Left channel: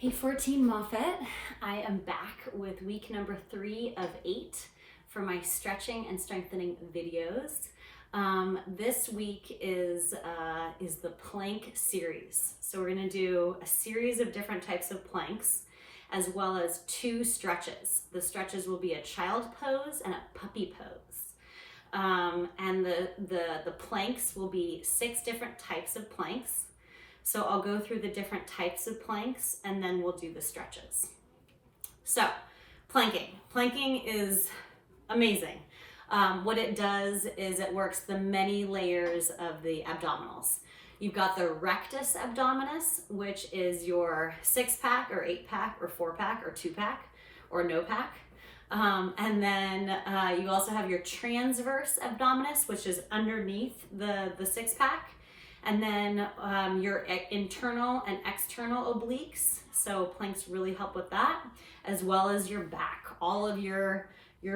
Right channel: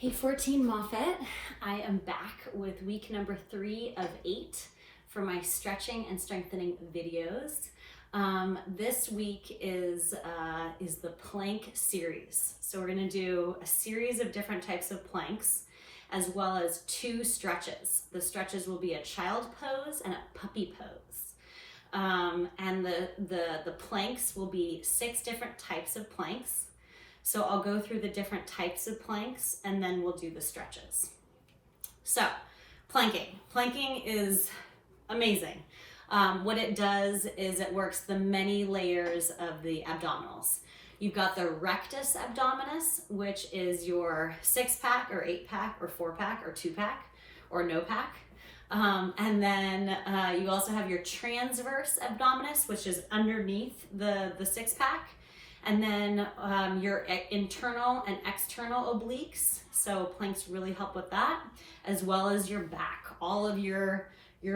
Hey 14 Moffat, I am back with week number 3 of 8 for my stretching and strengthening videos. This week is the plank series. So we're gonna do a series of different types of planks as well as 2 stretches. The stretches will be a child pose and a puppy pose. And the planks will be 6 different types of planks. So I'll go through the different types of planks and then we'll do the stretches. So planking. Planking is amazing. What it does is it works the many layers of the abdominals. You've got the rectus abdominis, which is your 6-pack or 8-pack or 4-pack or 2-pack or no pack. And then you also have your transverse abdominis, which is underneath the 6-pack. And then your internal and external obliques. So planks really help with that, as well as your back, all of your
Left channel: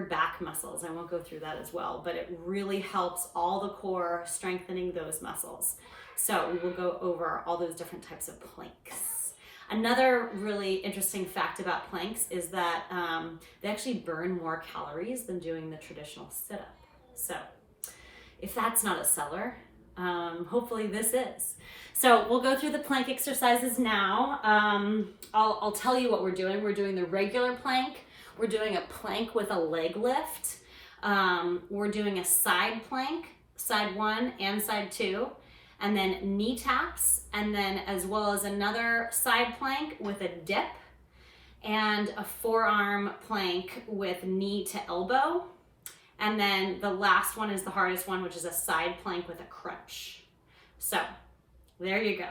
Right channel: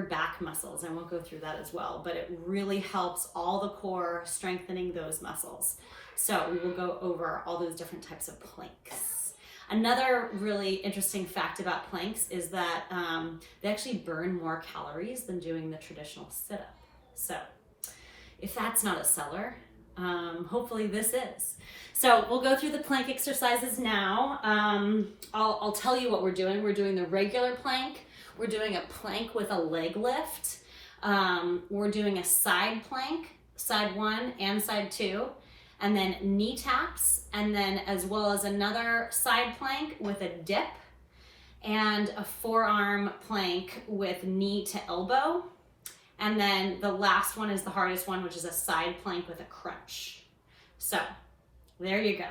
back muscles. I won't go through that as well, but it really helps all the core, strengthening those muscles. So we will go over all those different types of planks. Another really interesting fact about planks is that they actually burn more calories than doing the traditional sit-up. So if that's not a seller, hopefully this is. So we'll go through the plank exercises now. I'll tell you what we're doing. We're doing the regular plank. We're doing a plank with a leg lift. We're doing a side plank, side 1 and side 2, and then knee taps, and then as well as another side plank with a dip, and a forearm plank with knee to elbow. And then the last one is the hardest one, which is a side plank with a crunch. So there you go.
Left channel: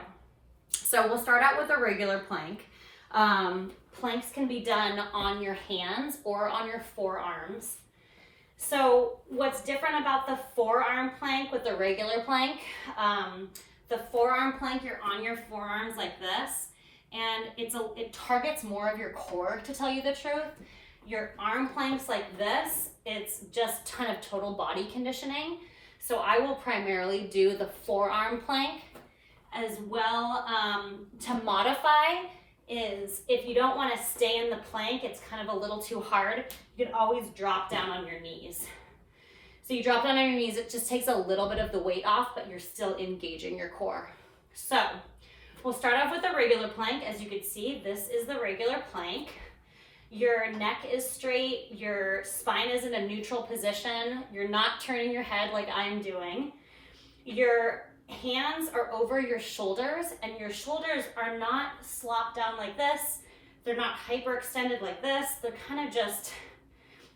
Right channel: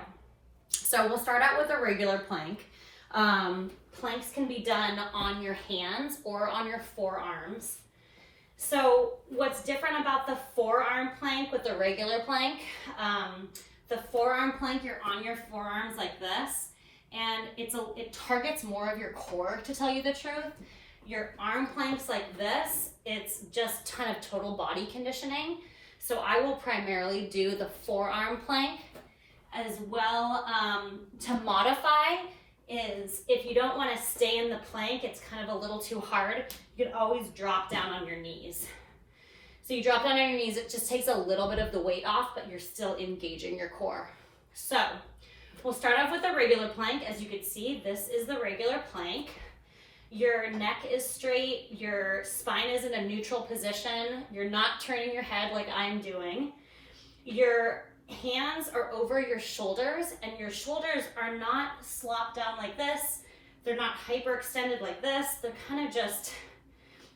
So we'll start out with a regular plank. Planks can be done on your hands or on your forearms. So what's different about the forearm plank with the regular plank, the forearm plank, you're on your forearms like this, and it targets more of your core, to tell you the truth. Your arm planks like this, it's just kind of total body conditioning. So I will primarily do the forearm plank. As well, to modify is if you don't want to stay in the plank, it's kind of a little too hard, you can always drop down on your knees. So you drop down on your knees, it just takes a little bit of the weight off, but you're still engaging your core. So we'll start off with the regular plank. As you can see, this is the regular plank. Your neck is straight, your spine is in a neutral position, you're not turning your head like I'm doing. Your hands are over your shoulders, and your shoulders are not slopped down like this, they're not hyperextended like this, they're kind of just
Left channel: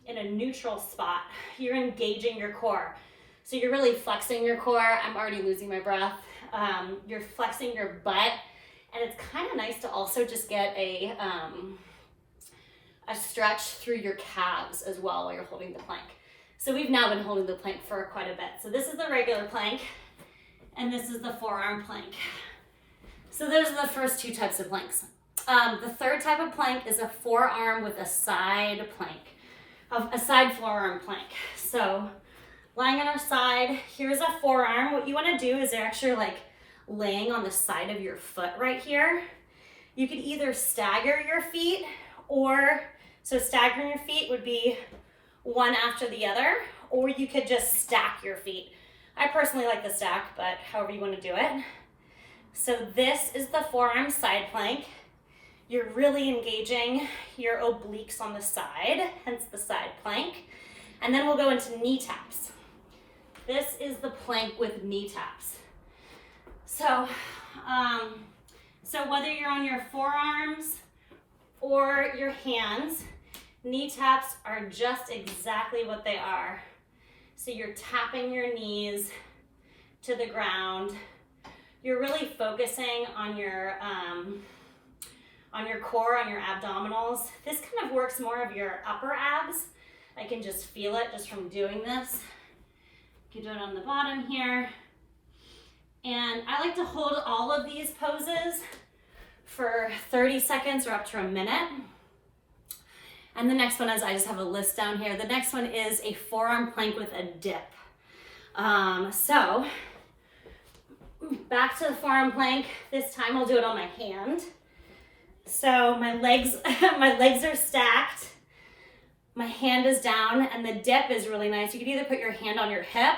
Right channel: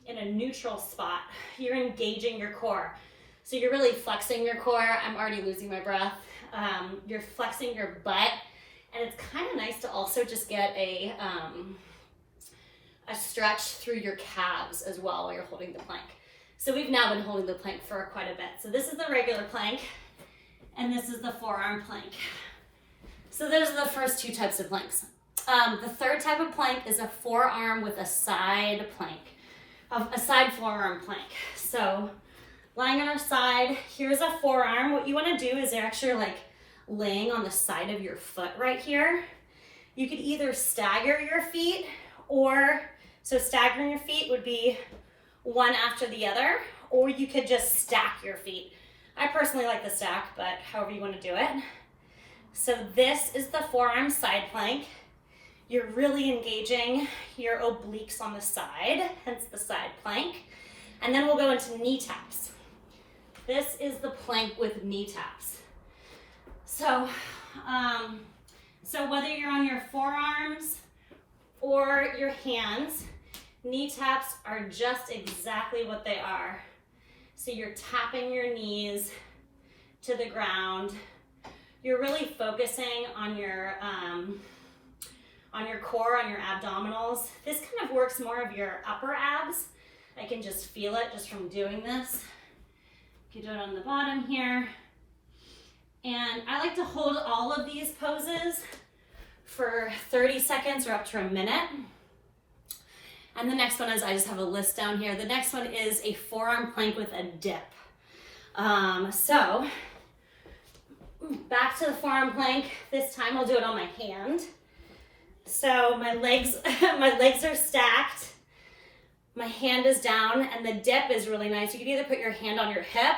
in a neutral spot. You're engaging your core. So you're really flexing your core. I'm already losing my breath. You're flexing your butt, and it's kind of nice to also just get a stretch through your calves as well while you're holding the plank. So we've now been holding the plank for quite a bit. So this is the regular plank, and this is the forearm plank. So those are the first 2 types of planks. The third type of plank is a forearm with a side plank, a side forearm plank. So lying on our side, here's a forearm. What you want to do is actually like laying on the side of your foot right here. You could either stagger your feet, or so staggering your feet would be one after the other, or you could just stack your feet. I personally like the stack, but however you want to do it. So this is the forearm side plank. You're really engaging your obliques on the side, hence the side plank. And then we'll go into knee taps. This is the plank with knee taps. So whether you're on your forearms or your hands, knee taps are just exactly what they are. So you're tapping your knees to the ground. You're really focusing on your core, on your abdominals. This kind of works more of your upper abs. I can just feel it just from doing this. You can do it on the bottom here. And I like to hold all of these poses for 30 seconds or up to a minute. And the next one is, I just have a list down here. The next one is a forearm plank with a dip. So back to the forearm plank. This time we'll do it on my hand. So my legs, my legs are stacked. My hand is down and the dip is really nice. You can either put your hand on your hip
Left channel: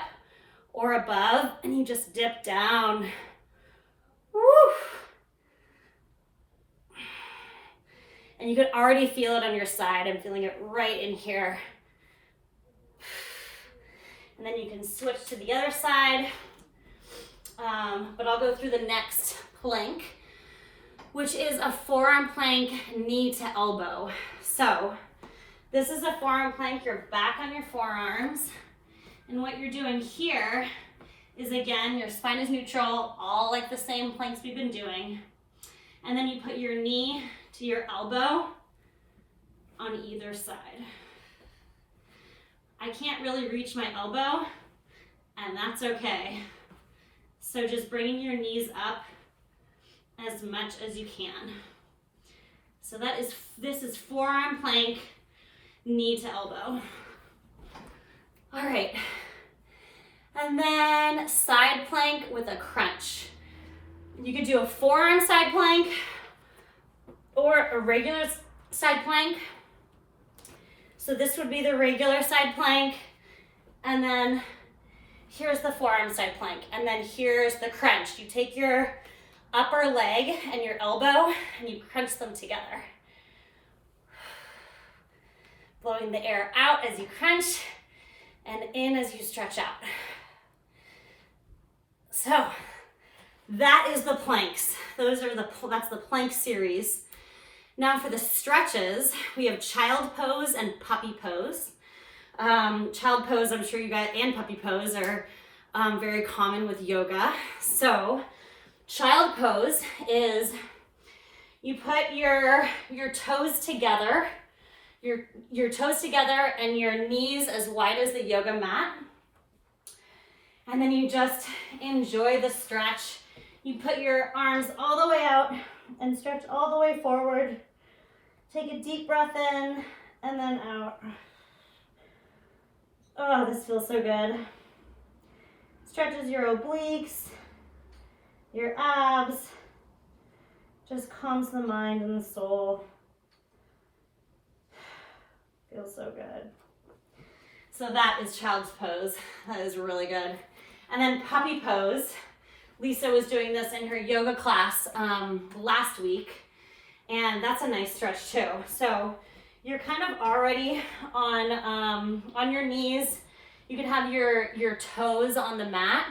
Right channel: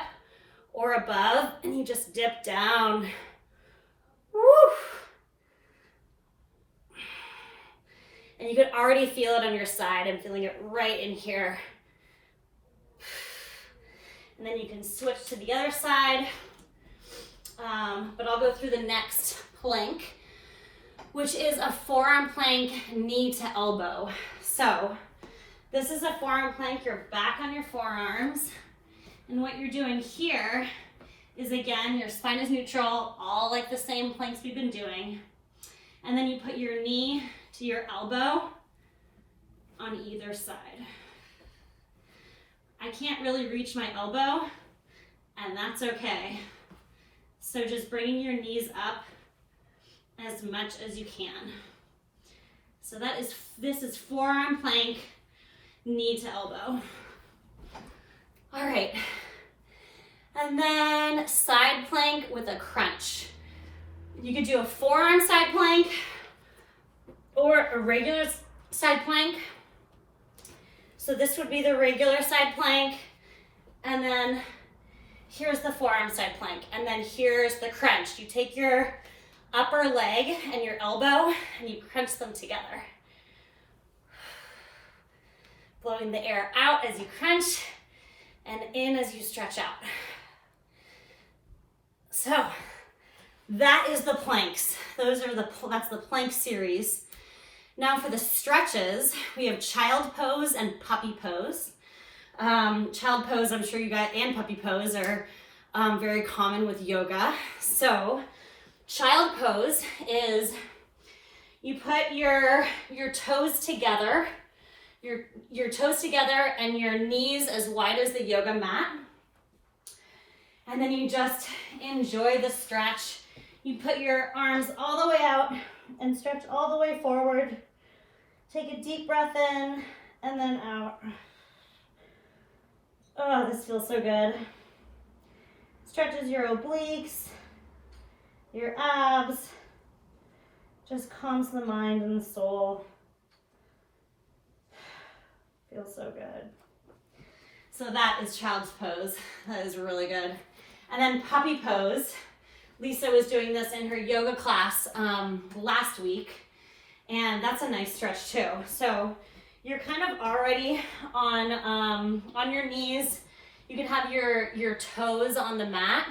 or above and you just dip down. Woo! And you can already feel it on your side. I'm feeling it right in here. And then you can switch to the other side. But I'll go through the next plank, which is a forearm plank, knee to elbow. So this is a forearm plank. You're back on your forearms. And what you're doing here is, again, your spine is neutral, all like the same planks we've been doing. And then you put your knee to your elbow on either side. I can't really reach my elbow, and that's okay. So just bringing your knees up as much as you can. So this is forearm plank, knee to elbow. All right. And then side plank with a crunch. You could do a forearm side plank or a regular side plank. So this would be the regular side plank, and then here's the forearm side plank, and then here's the crunch. You take your upper leg and your elbow and you crunch them together. Blowing the air out as you crunch and in as you stretch out. So that is the planks. That's the plank series. Now for the stretches, we have child pose and puppy pose. Child pose, I'm sure you guys, and puppy pose are very common with yoga. So child pose is you put your toes together, your toes together and your knees as wide as the yoga mat. And then you just enjoy the stretch. You put your arms all the way out and stretch all the way forward. Take a deep breath in and then out. Oh, this feels so good. Stretches your obliques, your abs, just calms the mind and the soul. Feels so good. So that is child's pose. That is really good. And then puppy pose. Lisa was doing this in her yoga class last week, and that's a nice stretch too. So you're kind of already on your knees. You could have your toes on the mat,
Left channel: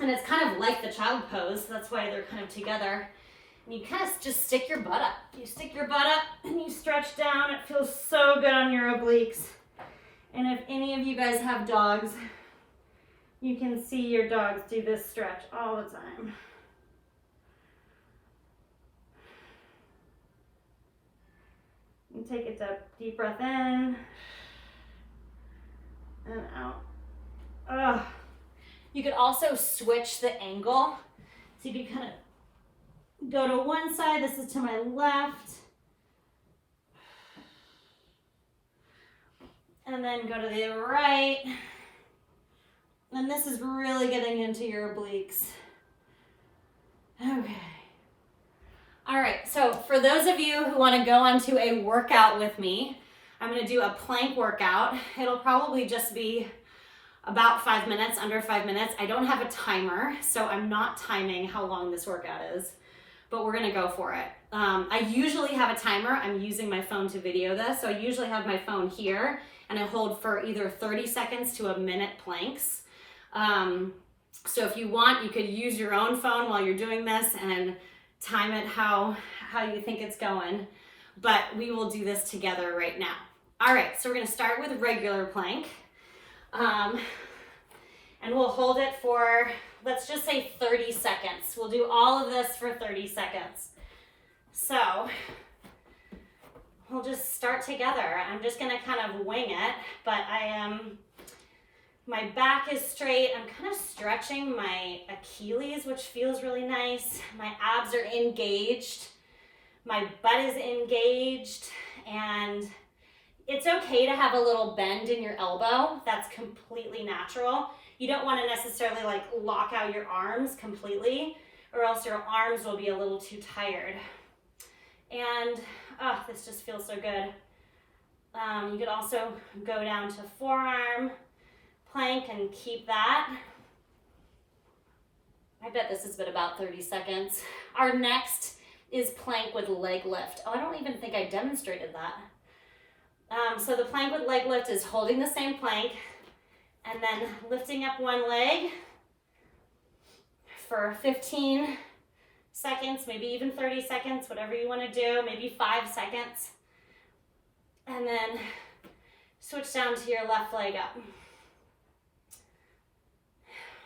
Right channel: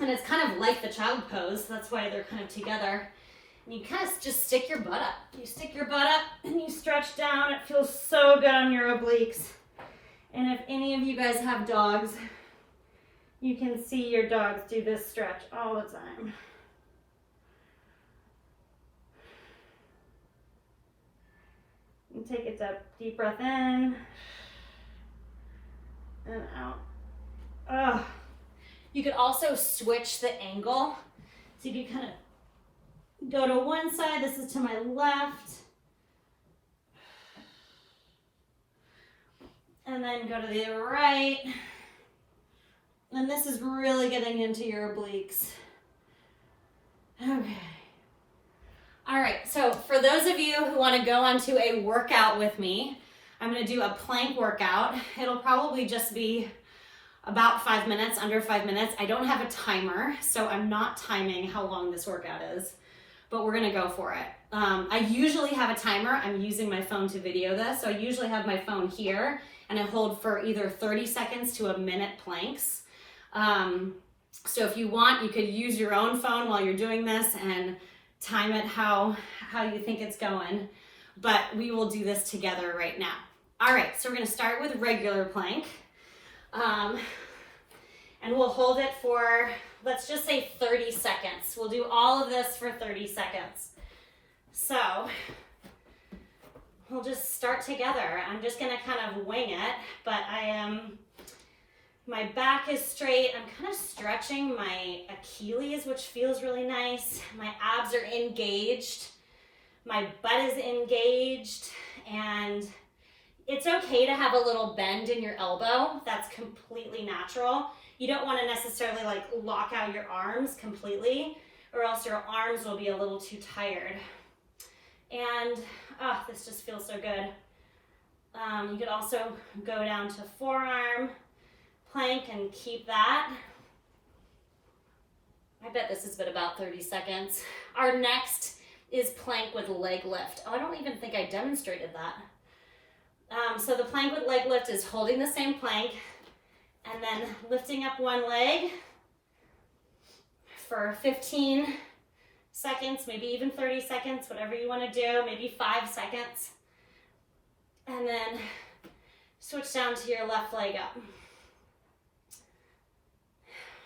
and it's kind of like the child pose. So that's why they're kind of together. And you kind of just stick your butt up. You stick your butt up and you stretch down. It feels so good on your obliques. And if any of you guys have dogs, you can see your dogs do this stretch all the time. You take a deep breath in and out. Ugh. You could also switch the angle. So you can kind of go to one side. This is to my left. And then go to the right. And this is really getting into your obliques. Okay. All right, so for those of you who want to go onto a workout with me, I'm going to do a plank workout. It'll probably just be about 5 minutes, under 5 minutes. I don't have a timer, so I'm not timing how long this workout is, but we're going to go for it. I usually have a timer. I'm using my phone to video this, so I usually have my phone here, and I hold for either 30 seconds to a minute planks. So if you want, you could use your own phone while you're doing this and time it how you think it's going, but we will do this together right now. All right, so we're gonna start with regular plank, and we'll hold it for, let's just say 30 seconds. We'll do all of this for 30 seconds. So we'll just start together. I'm just gonna kind of wing it, but my back is straight. I'm kind of stretching my Achilles, which feels really nice. My abs are engaged. My butt is engaged. And it's okay to have a little bend in your elbow. That's completely natural. You don't want to necessarily like lock out your arms completely, or else your arms will be a little too tired. And oh, this just feels so good. You could also go down to forearm plank and keep that. I bet this has been about 30 seconds. Our next is plank with leg lift. Oh, I don't even think I demonstrated that. So the plank with leg lift is holding the same plank and then lifting up one leg for 15 seconds, maybe even 30 seconds, whatever you want to do, maybe 5 seconds. And then switch down to your left leg up.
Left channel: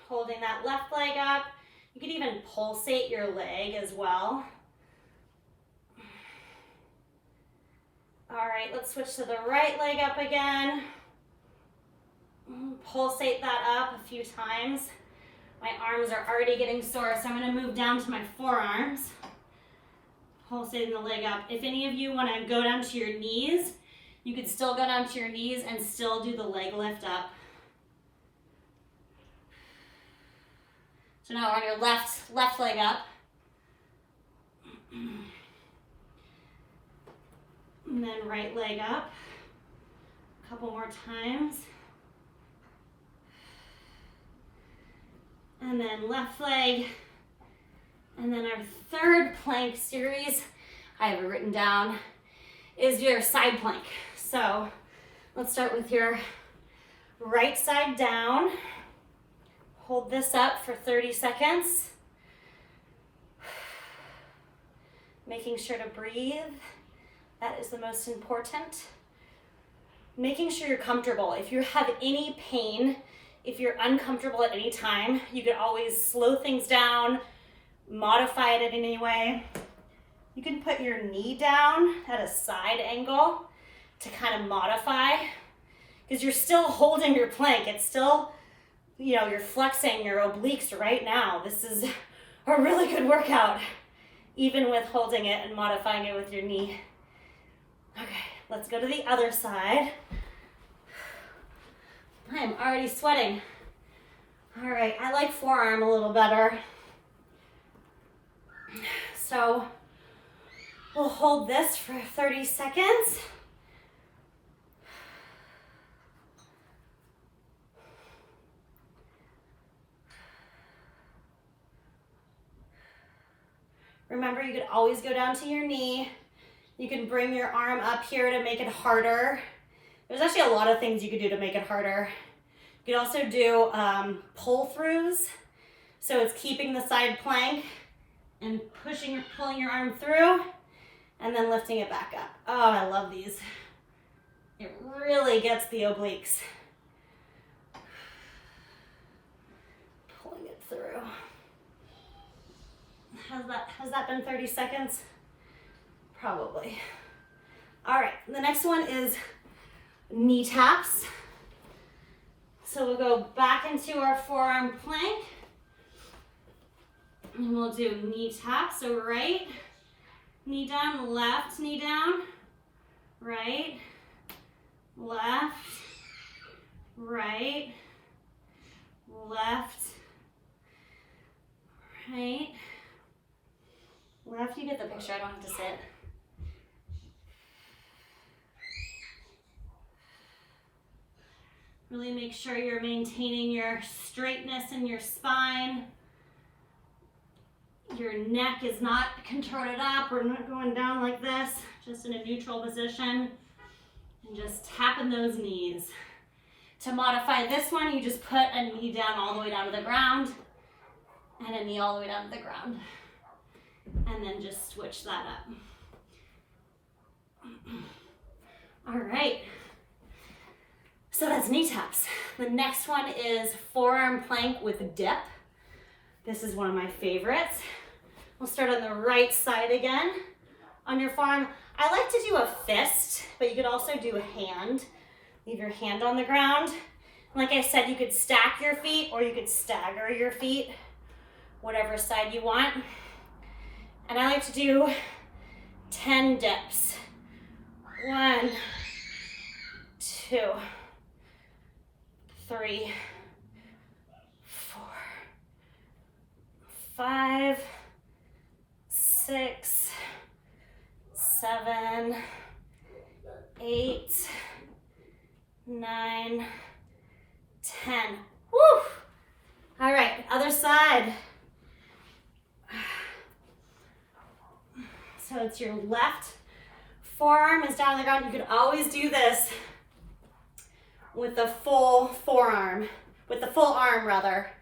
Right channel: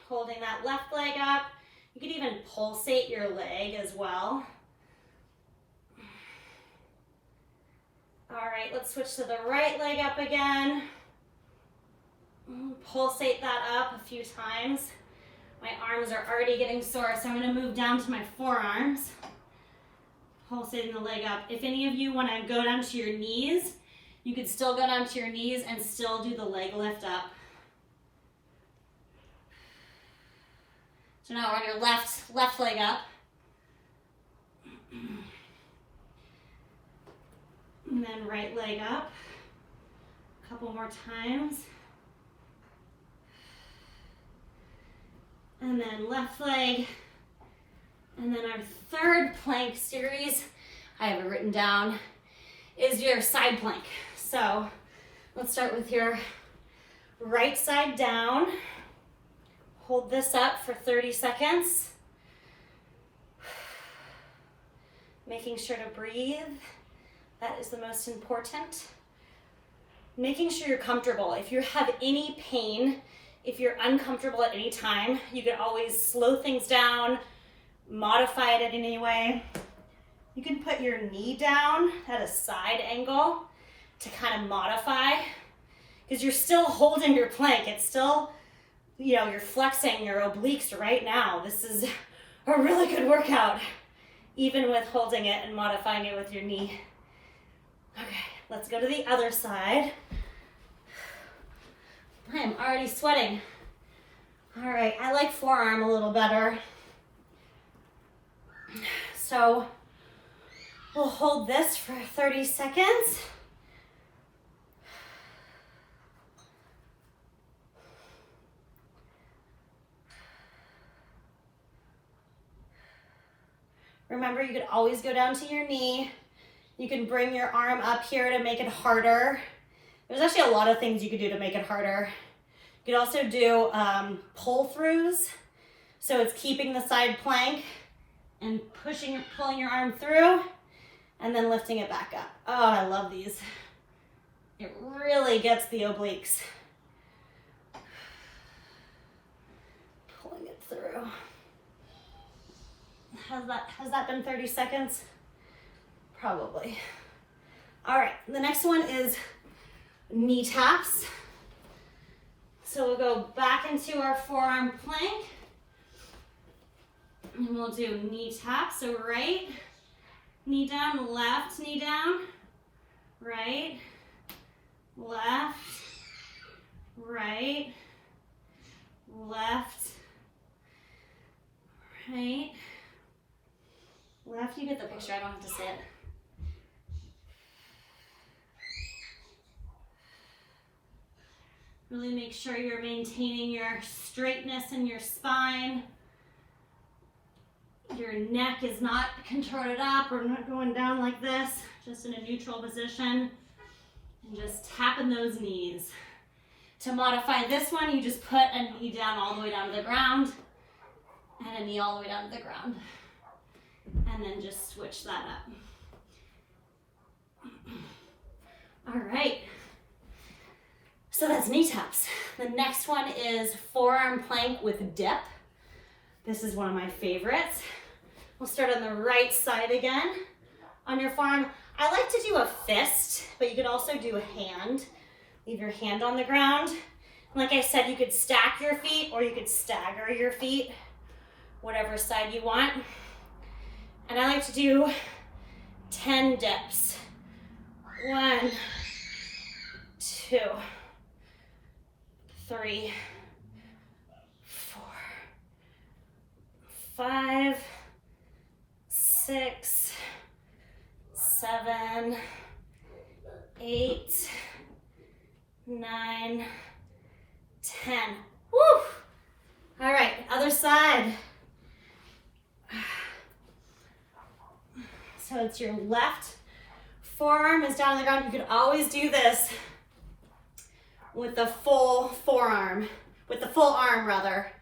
Holding that left leg up. You could even pulsate your leg as well. All right, let's switch to the right leg up again. Pulsate that up a few times. My arms are already getting sore, so I'm going to move down to my forearms. Pulsating the leg up. If any of you want to go down to your knees, you could still go down to your knees and still do the leg lift up. So now we're on your left leg up. And then right leg up. A couple more times. And then left leg. And then our third plank series, I have it written down, is your side plank. So let's start with your right side down. Hold this up for 30 seconds. Making sure to breathe. That is the most important. Making sure you're comfortable. If you have any pain, if you're uncomfortable at any time, you can always slow things down, modify it in any way. You can put your knee down at a side angle to kind of modify, because you're still holding your plank. It's still, you know, you're flexing your obliques right now. This is a really good workout, even with holding it and modifying it with your knee. Okay, let's go to the other side. I am already sweating. All right, I like forearm a little better. So we'll hold this for 30 seconds. Remember, you could always go down to your knee. You can bring your arm up here to make it harder. There's actually a lot of things you could do to make it harder. You could also do pull-throughs. So it's keeping the side plank and pulling your arm through and then lifting it back up. Oh, I love these. It really gets the obliques. Pulling it through. Has that been 30 seconds? Probably. All right, the next one is knee taps. So we'll go back into our forearm plank. And we'll do knee taps. So right knee down, left knee down, right, left, right, left, right, left. You get the picture, I don't have to sit. Really make sure you're maintaining your straightness in your spine. Your neck is not contorted up or not going down like this, just in a neutral position. And just tapping those knees. To modify this one, you just put a knee down all the way down to the ground and a knee all the way down to the ground. And then just switch that up. All right. So that's knee taps. The next one is forearm plank with dip. This is one of my favorites. We'll start on the right side again. On your forearm, I like to do a fist, but you could also do a hand. Leave your hand on the ground. Like I said, you could stack your feet or you could stagger your feet, whatever side you want. And I like to do 10 dips. 1, 2, 3, 4, 5, 6, 7, 8, 9, 10. Woo! All right, other side. So it's your left forearm is down on the ground. You could always do this with the full forearm, with the full arm rather.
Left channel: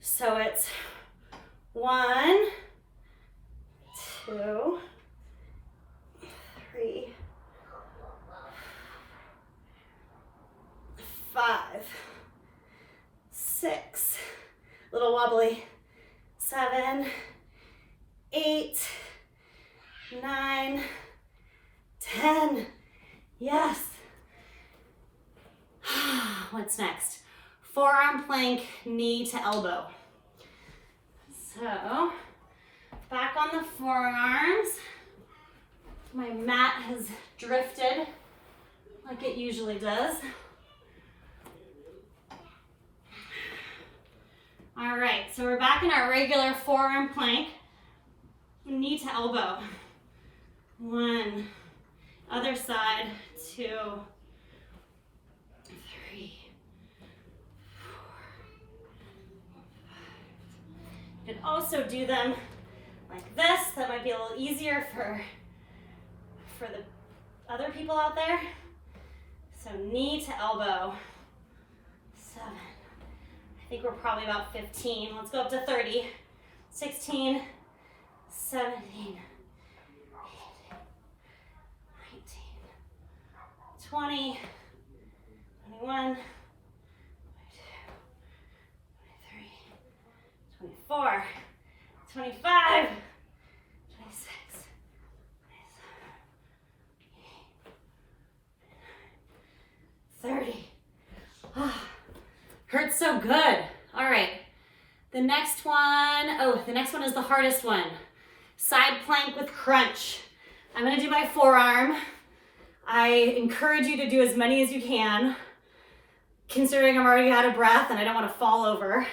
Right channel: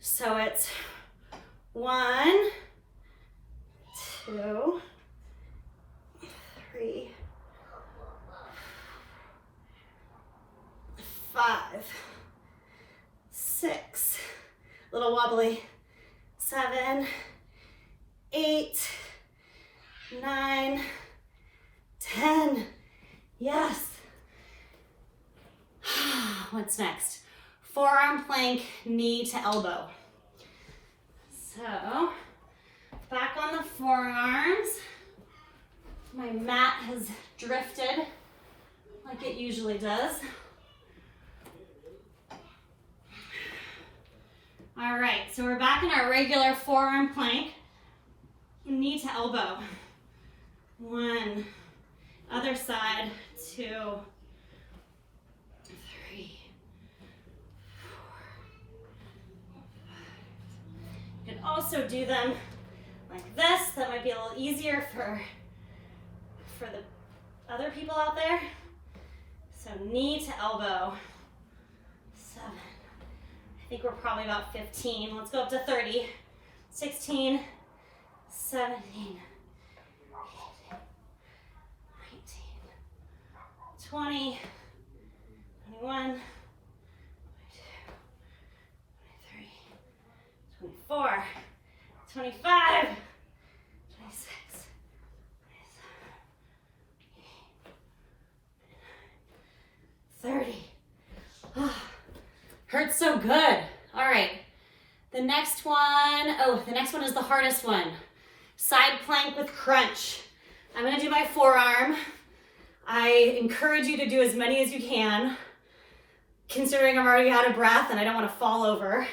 So it's 1, 2, 3, 5, 6, little wobbly, 7, 8, 9, 10. Yes. What's next? Forearm plank, knee to elbow. So, back on the forearms. My mat has drifted like it usually does. All right, so we're back in our regular forearm plank, knee to elbow. 1, other side, 2, 3, 4, 5. You can also do them like this. That might be a little easier for the other people out there. So knee to elbow. 7. I think we're probably about 15. Let's go up to 30. 16, 17, 18, 19, 20, 21, 22, 23, 24, 25, 26, 27, 30. Oh, hurts so good. All right. The next one is the hardest one. Side plank with crunch. I'm gonna do my forearm. I encourage you to do as many as you can. Considering I'm already out of breath and I don't wanna fall over,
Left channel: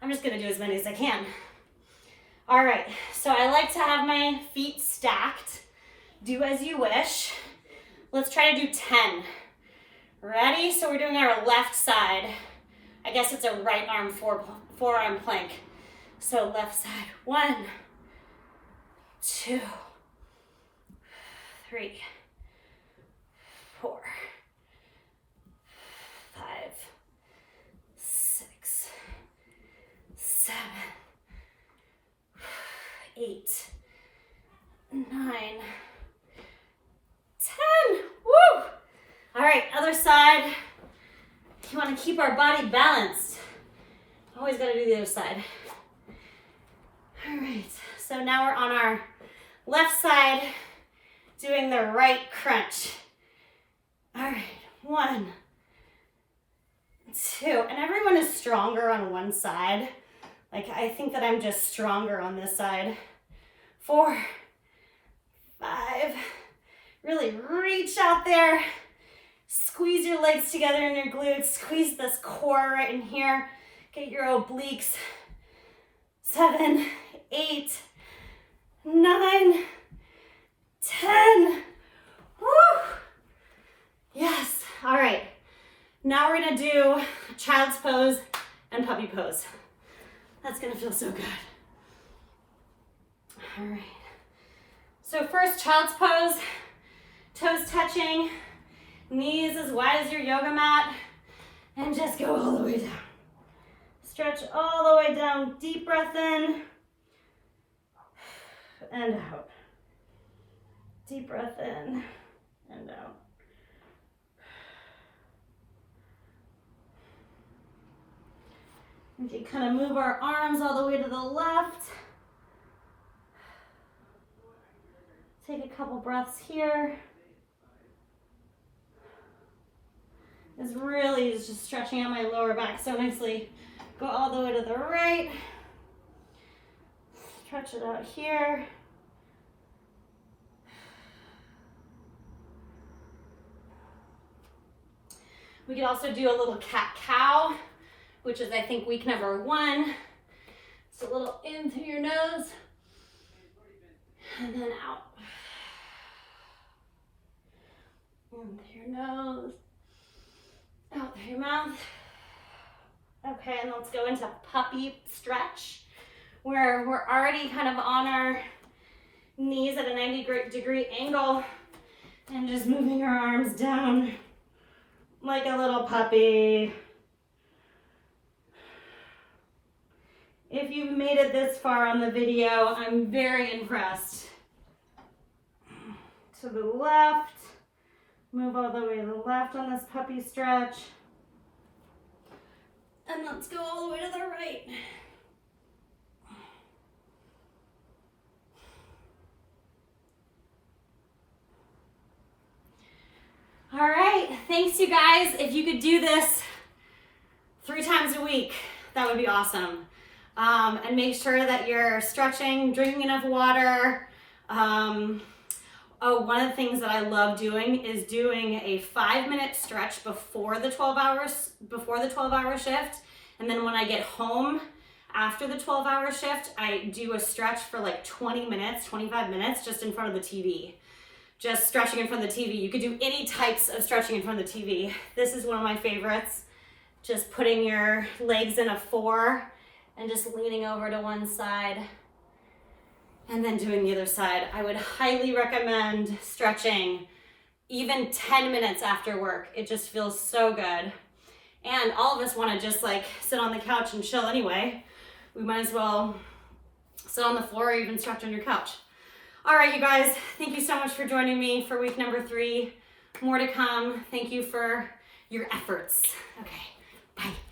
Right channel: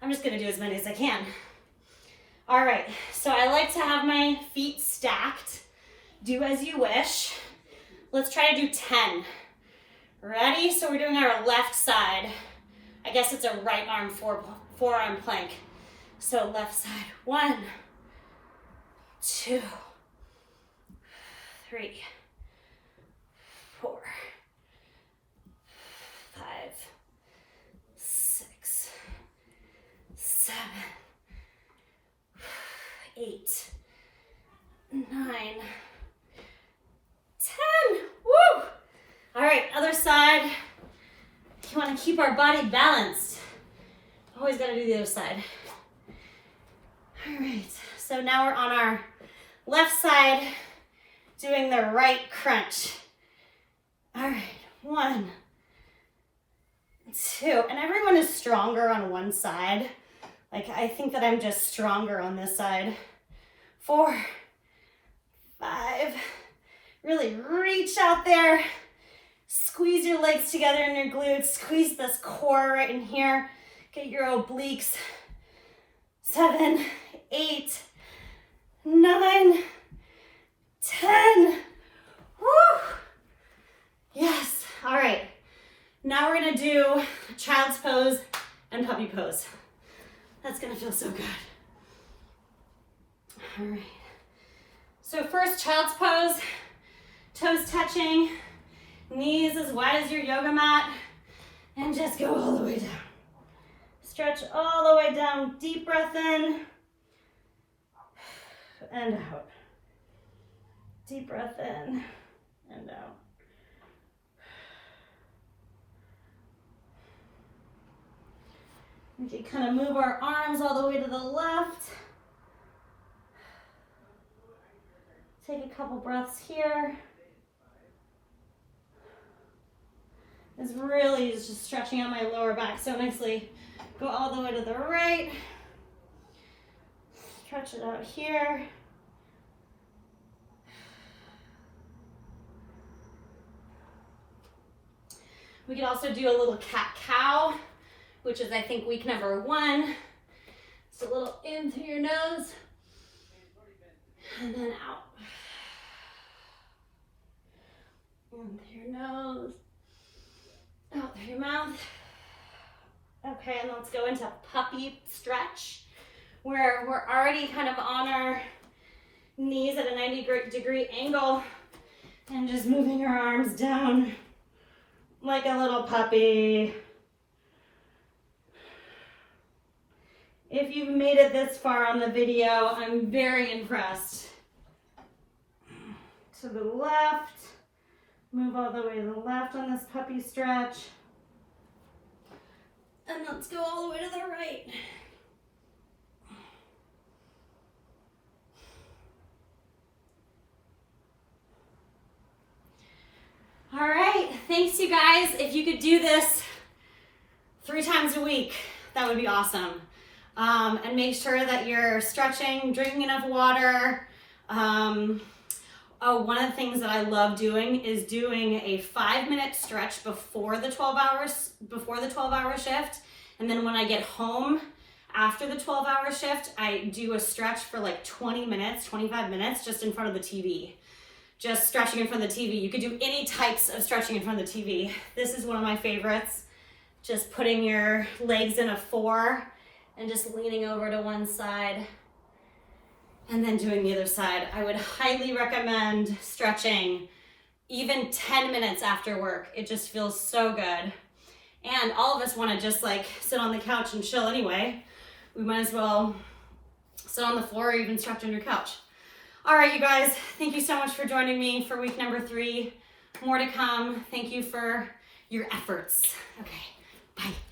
I'm just gonna do as many as I can. All right, so I like to have my feet stacked. Do as you wish. Let's try to do 10. Ready? So we're doing our left side. I guess it's a right arm forearm plank. So left side, 1, 2, 3, 4, 5, 6, 7, 8, 9, 10. Woo! All right, other side. You want to keep our body balanced. Always got to do the other side. All right, so now we're on our left side doing the right crunch. All right, 1, 2, and everyone is stronger on one side. Like, I think that I'm just stronger on this side. 4, 5, really reach out there. Squeeze your legs together in your glutes. Squeeze this core right in here. Get your obliques. 7, 8, 9, 10. Woo! Yes. All right. Now we're gonna do child's pose and puppy pose. That's gonna feel so good. All right. So first, child's pose. Toes touching. Knees as wide as your yoga mat. And just go all the way down. Stretch all the way down. Deep breath in and out. Deep breath in and out. We can kind of move our arms all the way to the left. Take a couple breaths here. This really is just stretching out my lower back so nicely. Go all the way to the right. Stretch it out here. We could also do a little cat-cow, which is, I think, week number 1. It's a little in through your nose and then out. In through your nose, out through your mouth. Okay, and let's go into puppy stretch, where we're already kind of on our knees at a 90-degree angle and just moving our arms down like a little puppy. If you've made it this far on the video, I'm very impressed. To the left, move all the way to the left on this puppy stretch. And let's go all the way to the right. All right, thanks you guys. If you could do this 3 times a week, that would be awesome. And make sure that you're stretching, drinking enough water. One of the things that I love doing is doing a 5-minute stretch before the 12-hour shift. And then when I get home after the 12-hour shift, I do a stretch for like 20 minutes, 25 minutes just in front of the TV. Just stretching in front of the TV. You could do any types of stretching in front of the TV. This is one of my favorites. Just putting your legs in a 4 and just leaning over to one side and then doing the other side. I would highly recommend stretching even 10 minutes after work. It just feels so good. And all of us want to just like sit on the couch and chill anyway. We might as well sit on the floor or even stretch on your couch. All right, you guys, thank you so much for joining me for week number 3. More to come. Thank you for your efforts. Okay, bye.